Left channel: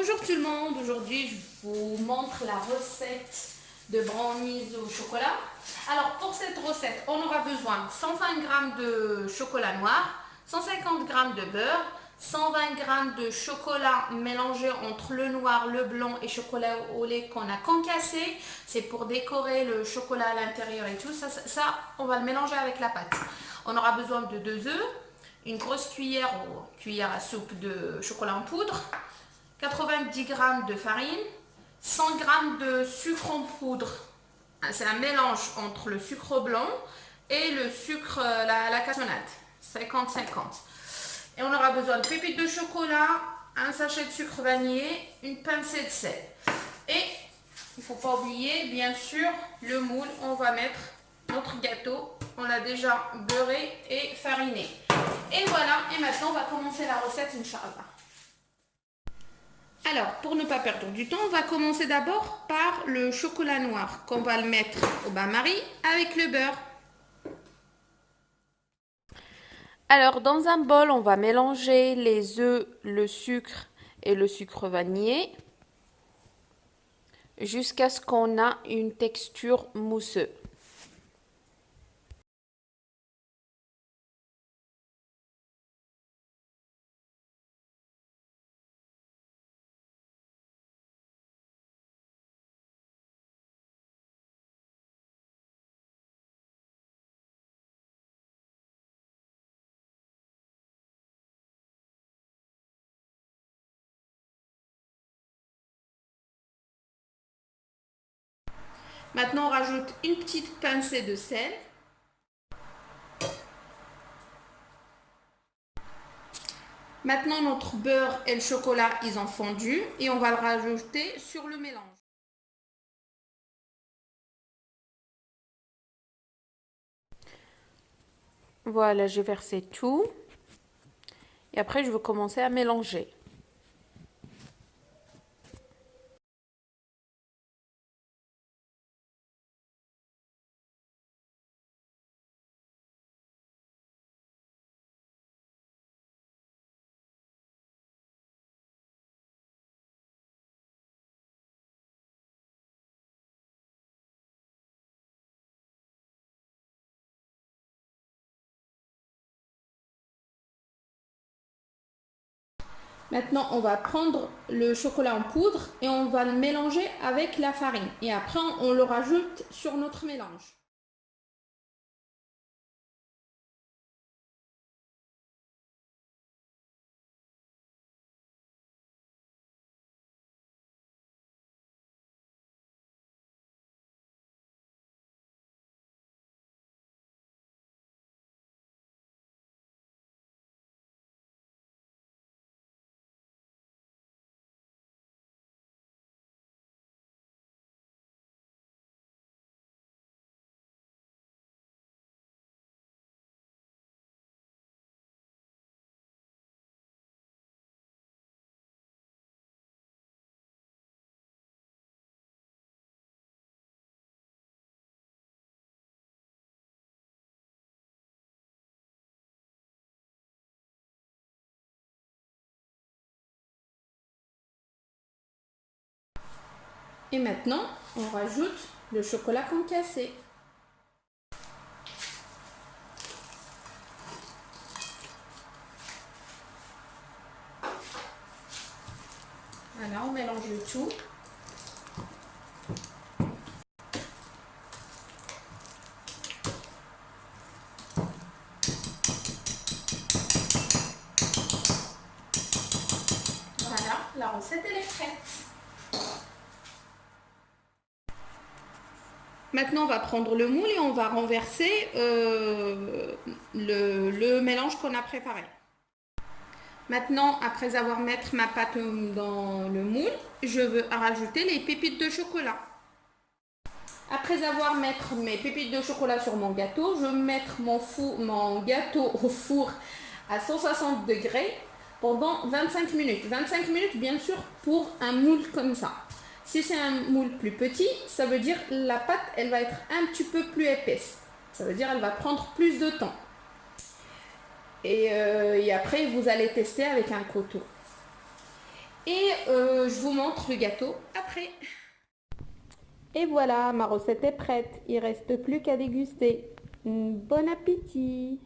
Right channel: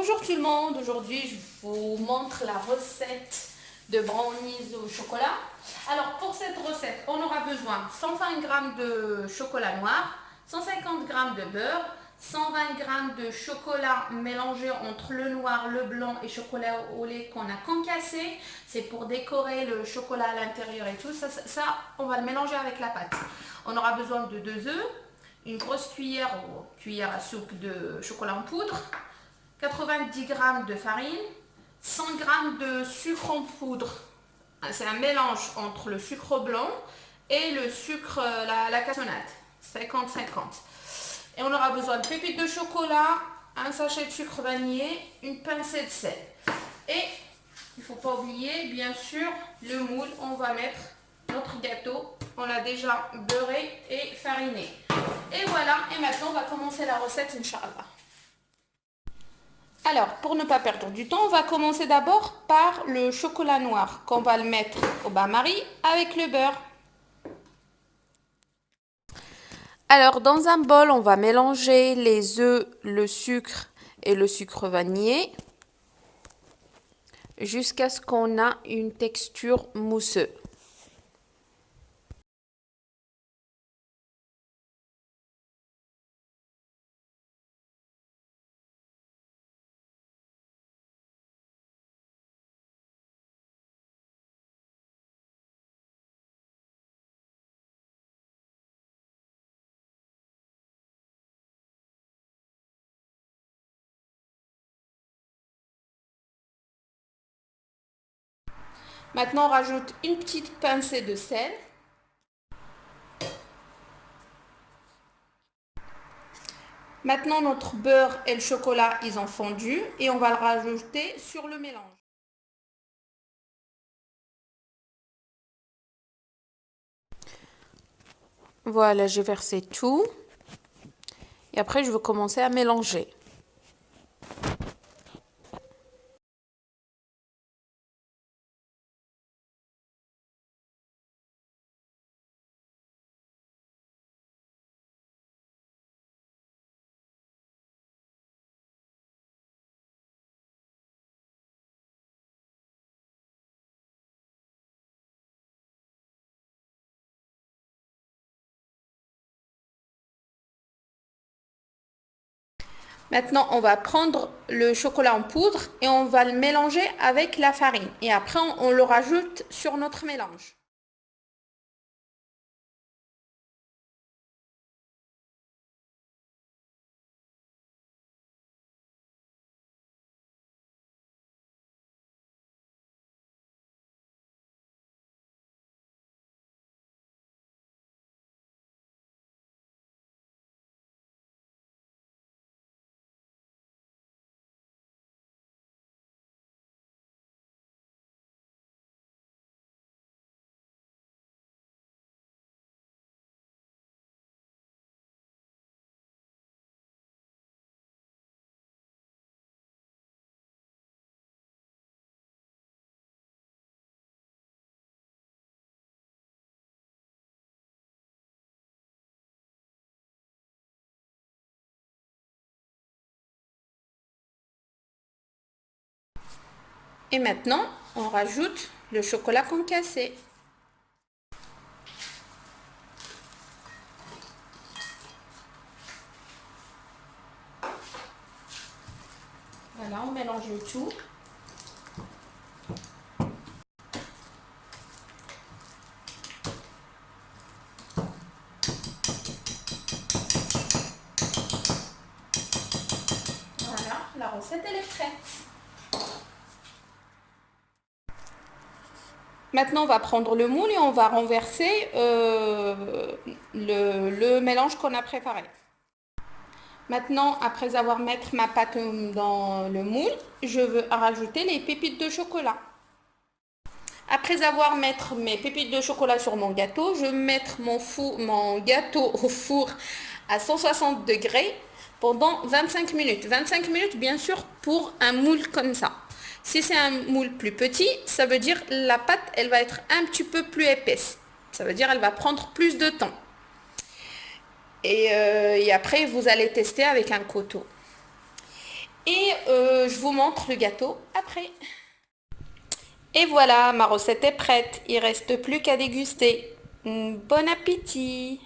Bonjour tout le monde, aujourd'hui je vous montre la recette de brownies au chocolat. Alors pour cette recette, on aura besoin de 120 g de chocolat noir, 150 g de beurre, 120 g de chocolat mélangé entre le noir, le blanc et chocolat au lait qu'on a concassé. C'est pour décorer le chocolat à l'intérieur et tout. Ça, on va le mélanger avec la pâte. On aura besoin de 2 œufs, une grosse cuillère ou cuillère à soupe de chocolat en poudre, 90 g de farine, 100 g de sucre en poudre. C'est un mélange entre le sucre blanc et le sucre, la cassonade, 50-50. Et on aura besoin de pépites de chocolat, un sachet de sucre vanillé, une pincée de sel. Et il ne faut pas oublier, bien sûr, le moule. On va mettre notre gâteau. On l'a déjà beurré et fariné. Et voilà, et maintenant on va commencer la recette, Inch'Allah. Alors, pour ne pas perdre du temps, on va commencer d'abord par le chocolat noir qu'on va le mettre au bain-marie avec le beurre. Alors, dans un bol, on va mélanger les œufs, le sucre et le sucre vanillé jusqu'à ce qu'on a une texture mousseuse. Maintenant, on rajoute une petite pincée de sel. Maintenant, notre beurre et le chocolat, ils ont fondu et on va le rajouter sur le mélange. Voilà, j'ai versé tout. Et après, je vais commencer à mélanger. Maintenant, on va prendre le chocolat en poudre et on va le mélanger avec la farine. Et après, on le rajoute sur notre mélange. Et maintenant, on rajoute le chocolat concassé. Voilà, on mélange tout. Voilà, la recette elle est prête. Maintenant, on va prendre le moule et on va renverser le mélange qu'on a préparé. Maintenant, après avoir mis ma pâte dans le moule, je veux rajouter les pépites de chocolat. Après avoir mis mes pépites de chocolat sur mon gâteau, je vais mettre mon gâteau au four à 160 degrés pendant 25 minutes. 25 minutes, bien sûr, pour un moule comme ça. Si c'est un moule plus petit, ça veut dire la pâte, elle va être un petit peu plus épaisse. Ça veut dire elle va prendre plus de temps. Et après, vous allez tester avec un couteau. Et je vous montre le gâteau après. Et voilà, ma recette est prête. Il ne reste plus qu'à déguster. Bon appétit!